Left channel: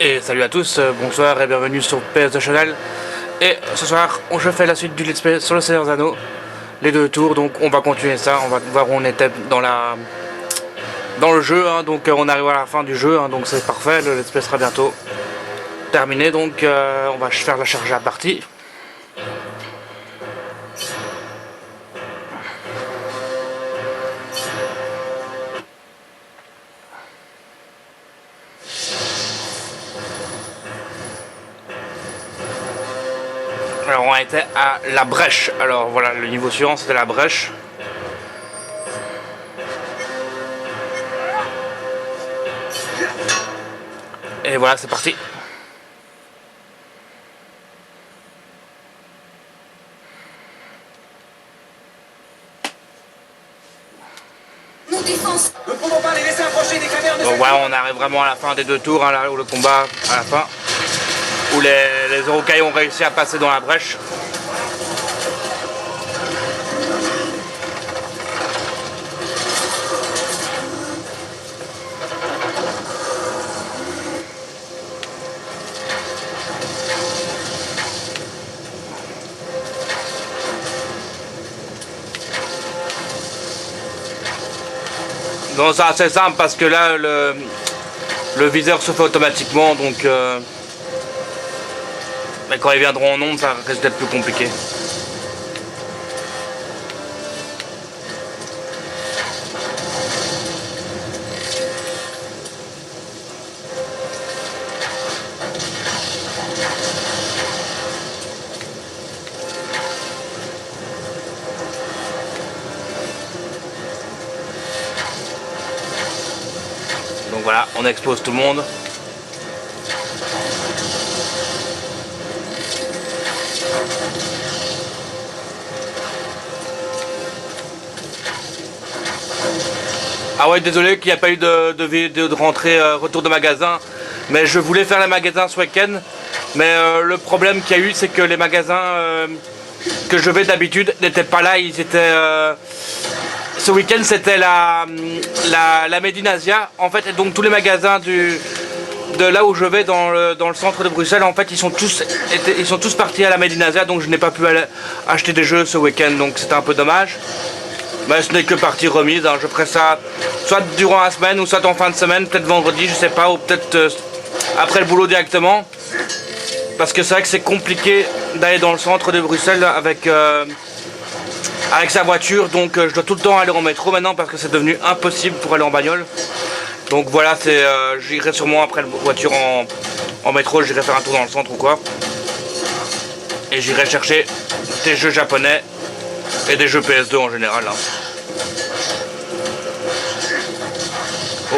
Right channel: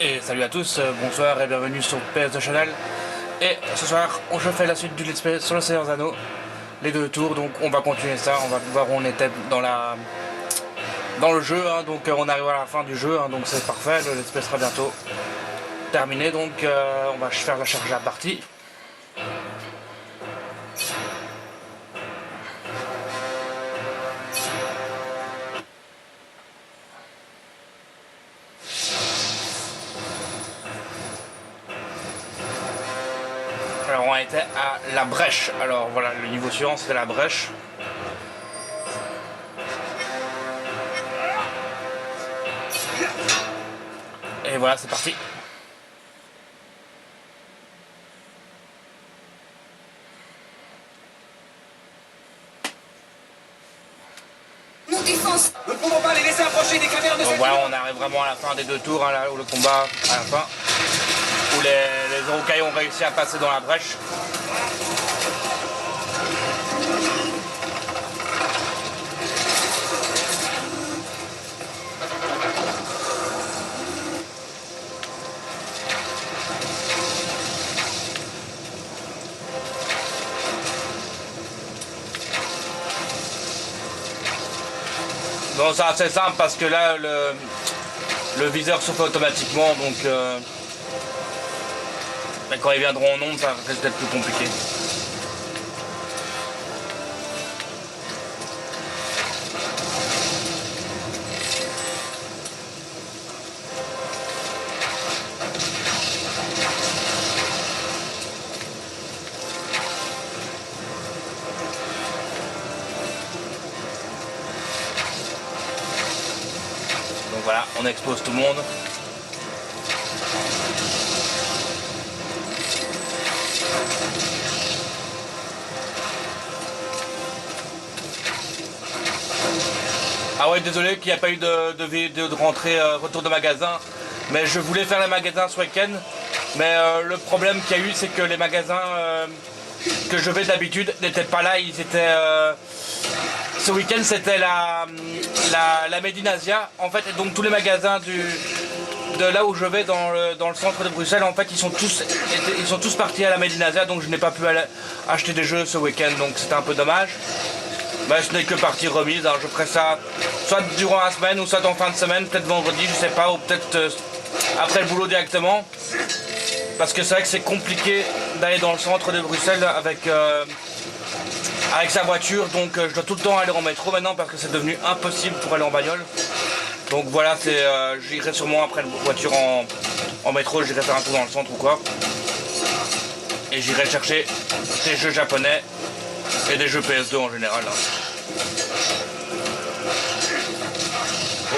Et salut à tous, bonsoir et bienvenue sur PS Channel. Et ce soir, je fais la suite du Let's Play sur le Seigneur des Anneaux. Les deux tours, donc on va continuer ça, on va voir où on était dans le jeu. Hein. Donc on arrive à la fin du jeu, hein, donc c'est parfait, le Let's Play sera bientôt terminé. Donc on va faire la charge à partie. Alors on était à la brèche. Alors voilà, le niveau suivant c'était la brèche. Et voilà, c'est parti. Nous ne pouvons pas les laisser approcher des cavernes de Donc cette voilà, ville. on arrive vraiment à la fin des deux tours, hein, là où le combat à la fin. Où les Uruk-hai ont réussi à passer dans la brèche. Donc c'est assez simple parce que là le viseur se fait automatiquement, donc mais quand ils viendront en nombre ça risque d'être plus compliqué. Donc voilà, on expose tout le monde. Ah ouais, désolé qu'il n'y a pas eu de rentrée retour de magasin, mais je voulais faire les magasins ce week-end, mais le problème qu'il y a eu c'est que les magasins que je vais d'habitude n'étaient pas là, ils étaient... ce week-end c'était la Made in Asia en fait, et donc tous les magasins de là où je vais dans le centre de Bruxelles en fait ils sont tous partis à la Made in Asia, donc je n'ai pas pu aller acheter des jeux ce week-end, donc c'était un peu dommage. Mais ce n'est que partie remise, hein. Je ferai ça soit durant la semaine ou soit en fin de semaine, peut-être vendredi, je sais pas, ou peut-être après le boulot directement. Parce que c'est vrai que c'est compliqué d'aller dans le centre de Bruxelles avec sa voiture, donc je dois tout le temps aller en métro maintenant parce que c'est devenu impossible pour aller en bagnole. Donc voilà, j'irai sûrement après la voiture en métro, j'irai faire un tour dans le centre ou quoi. Et j'irai chercher des jeux japonais et des jeux PS2 en général. Hein. Oh.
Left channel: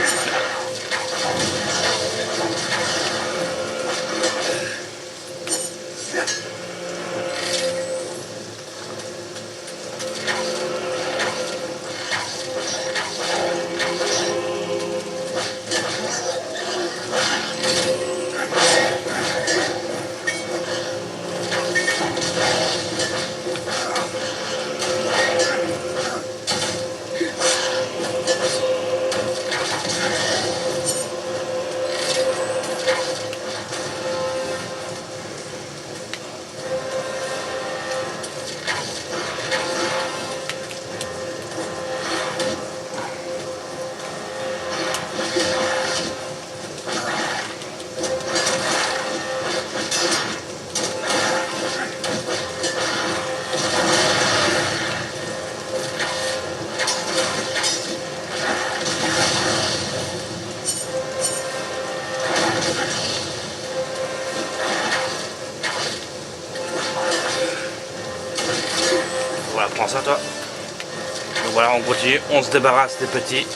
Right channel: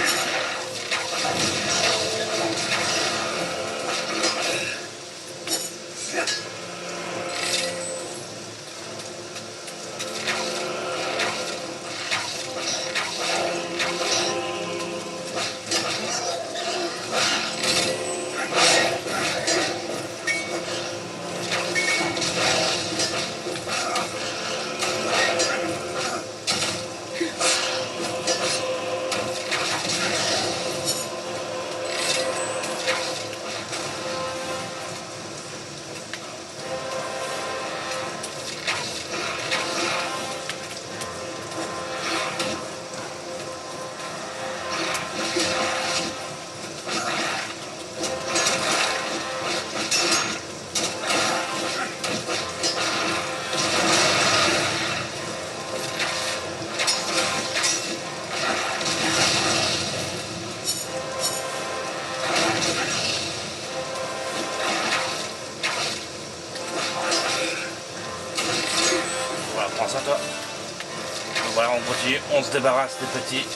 Voilà, prends ça toi. Donc voilà, on continue, on se débarrasse des petits.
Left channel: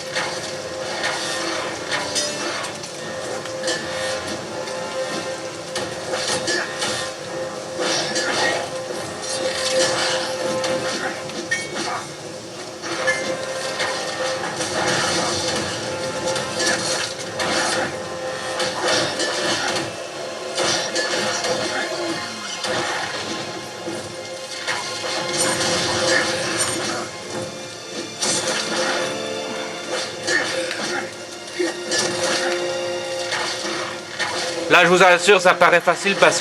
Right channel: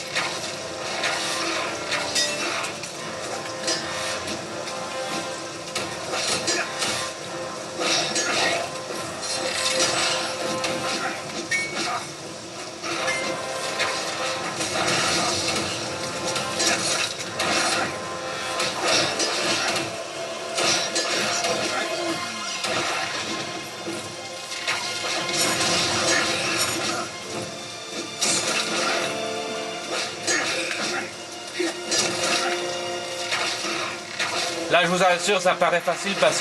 Là, je vous assure, ça paraît facile parce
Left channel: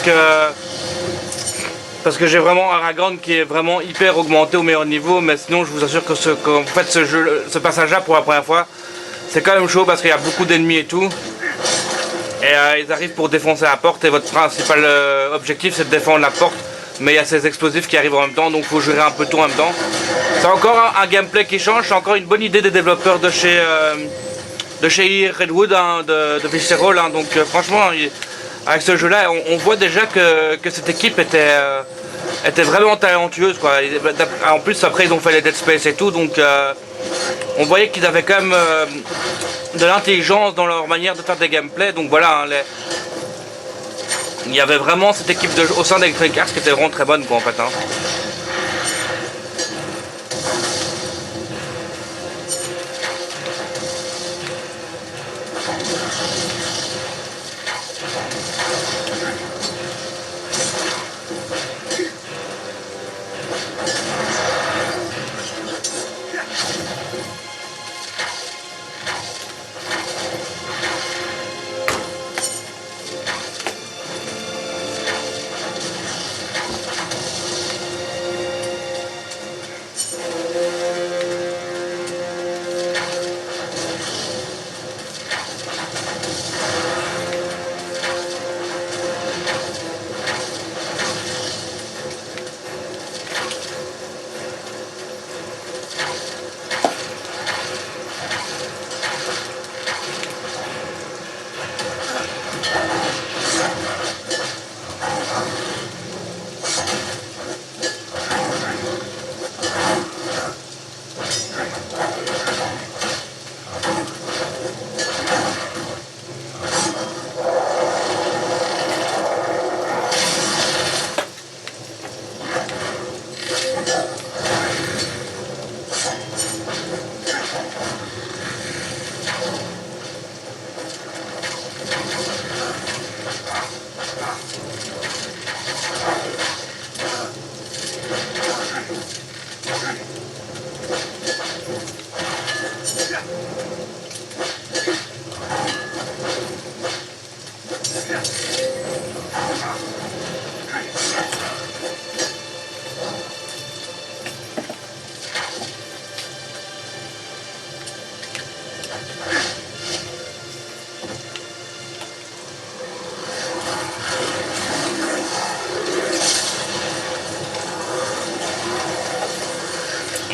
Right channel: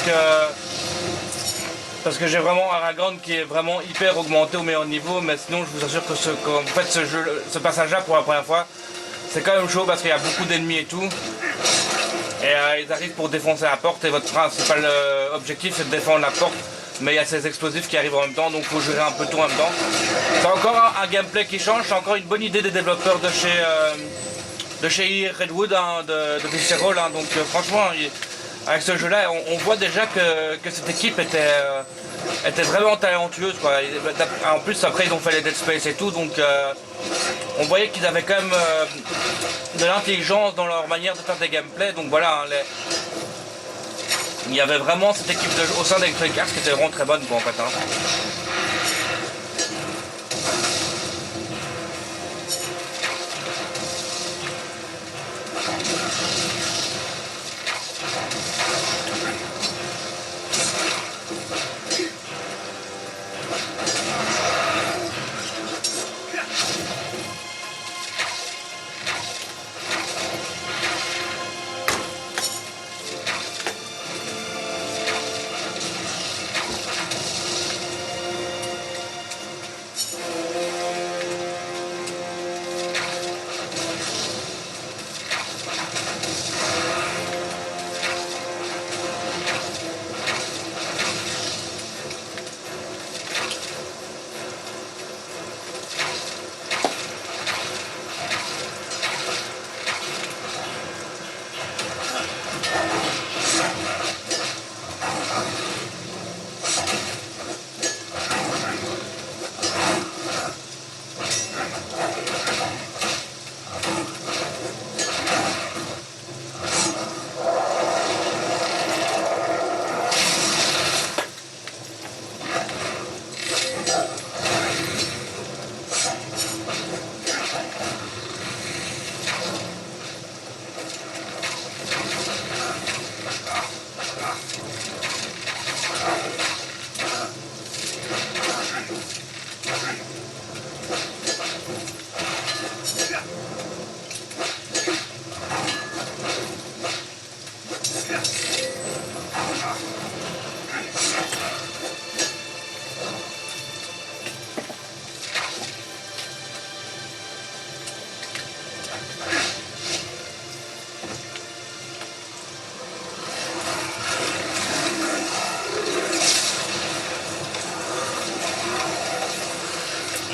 que j'ai vraiment Aragorn qui est vraiment hyper augmenté au meilleur niveau, mais sinon je vous assure que qu'en fait ce passage-là pour la première fois, c'est quand même chaud parce qu'il y a beaucoup d'ennemis et tout. Et ils arrivent pour défoncer la porte et votre principal objectif c'est de défendre la porte. Mais il y a ces explosifs qui arrivent en même temps, donc il faut gérer un peu tout en même temps. C'est encore un gameplay qui change, c'est encore une bonne idée des développeurs de chez Redwood, hein, de Visceral. Hein, donc franchement, avec ce jeu-là, on voit déjà que cette équipe était vraiment talentueuse, quoi. En plus, après, ils ont fait les Dead Space et tout, donc on voyait qu'ils avaient quand même de l'intelligence dans leur manière de faire des gameplays. Donc voilà, hein, il y avait vraiment cette équipe au sein d'Electronic Arts qui était vraiment très bonne, quoi, en fait. Hein.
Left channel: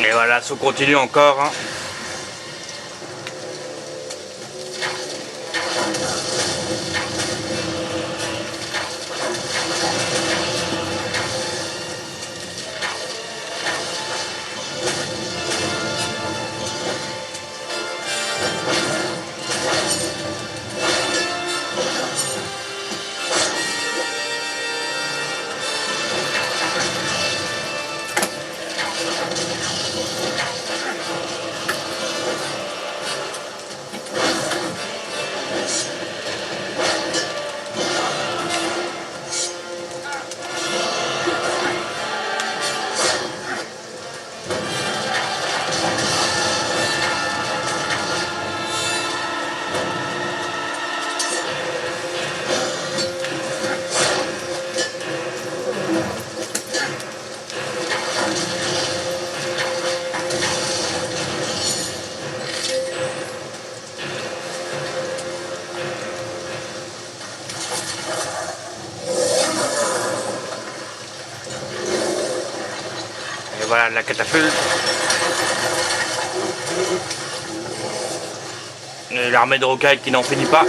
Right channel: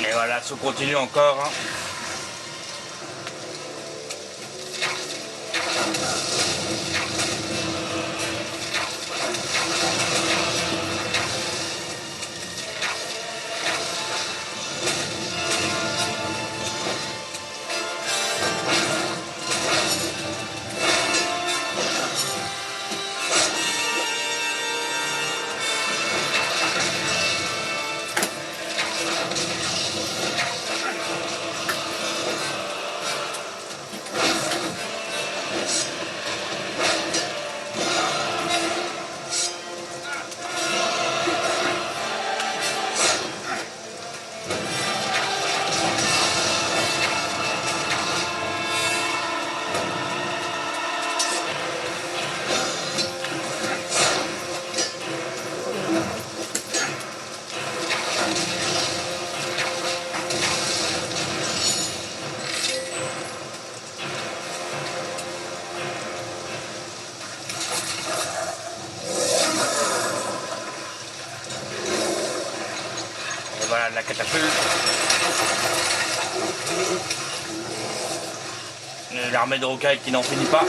Et voilà, ça continue encore. Hein. Voilà la catapulte. L'armée de rocailles qui n'en finit pas.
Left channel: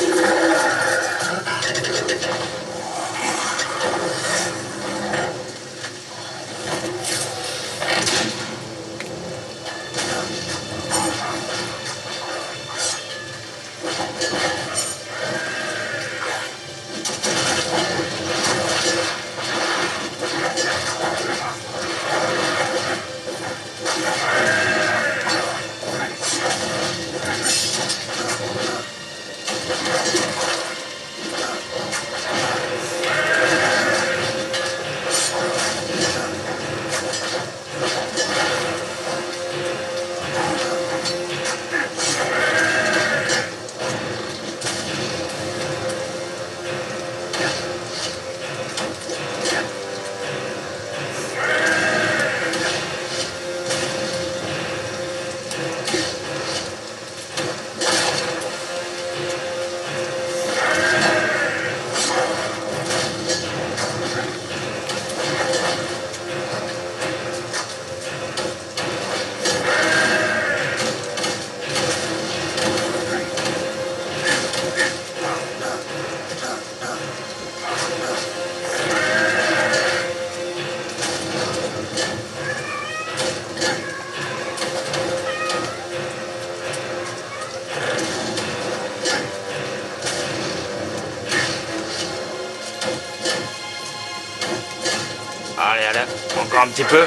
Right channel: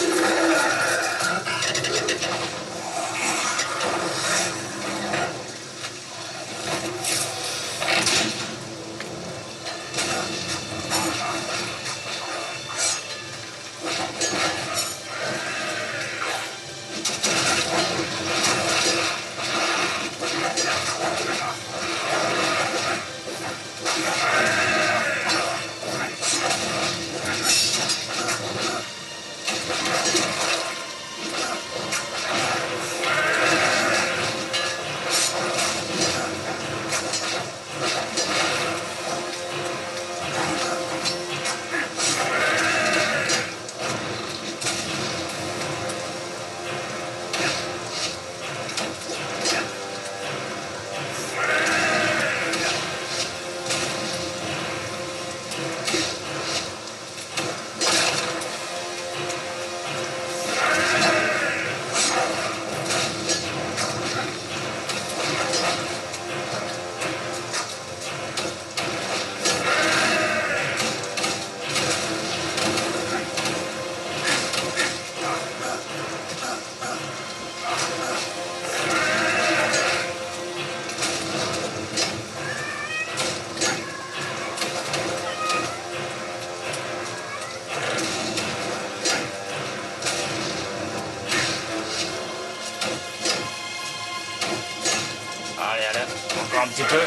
un petit peu.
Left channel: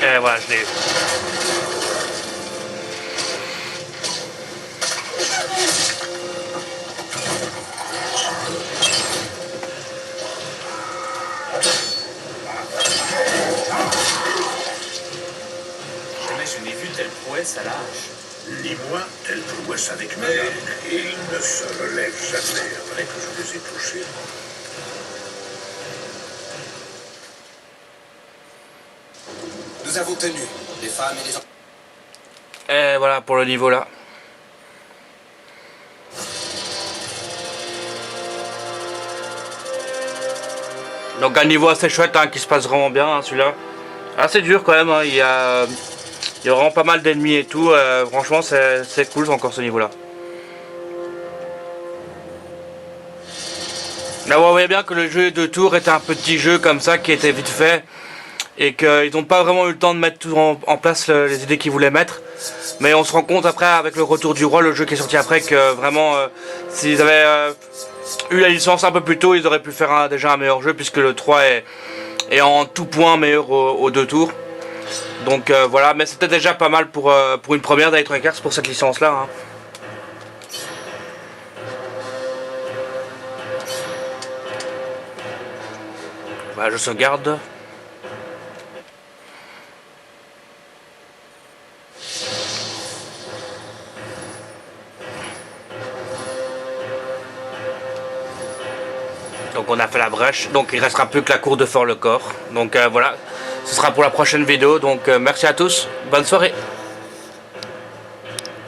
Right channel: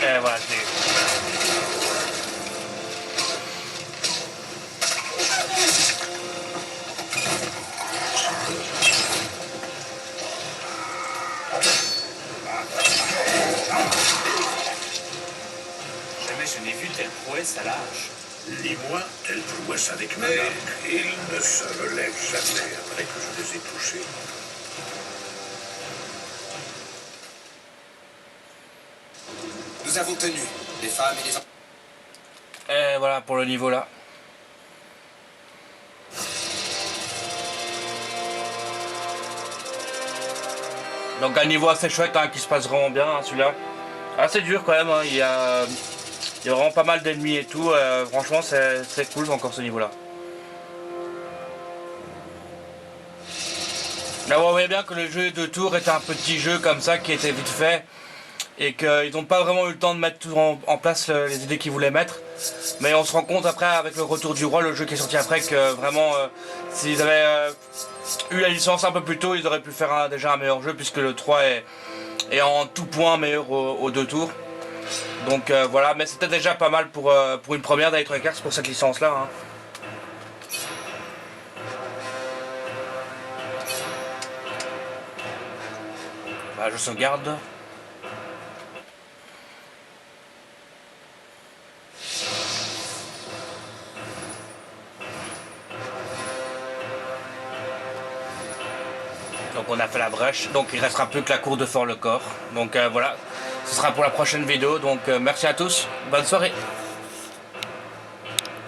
Et voilà, je l'ai eu. Jamais je n'ai vu telle prouesse à l'âge. Ni moi, telle prouesse avec ma dame. Ils ne se relèvent jamais après que je les ai touchés. Nous avons tenu, les femmes et les enfants. Et voilà pour le niveau là. Donc un niveau assez chouette hein, qui se passe vraiment bien hein, celui-là. Assez dur quand même, hein. Il y a vraiment pas mal d'ennemis et tout. Franchement c'est cool encore ce niveau là. Là on voyait bien que le jeu de tour était un petit jeu comme ça qui était vite fait. Et qu'ils n'ont pas vraiment eu le temps de mettre tout en place les idées qu'ils voulaient mettre. Mais on se rend compte après avec le retour du roi, le jeu qui est sorti après, que vraiment s'ils avaient eu la licence un peu plus tôt, ils auraient pu faire déjà un meilleur jeu puisque le 3 est en tout point meilleur aux 2 tours. Donc voilà, mais c'était déjà pas mal pour une première d'Electronic Arts pour cette licence là. Hein. Bah, je sauvegarde. Donc on a fait la brèche, donc il restera plus que la cour de Fort-le-Corps. Donc voilà, ce sera pour la prochaine vidéo. Donc merci à tous, bonne soirée.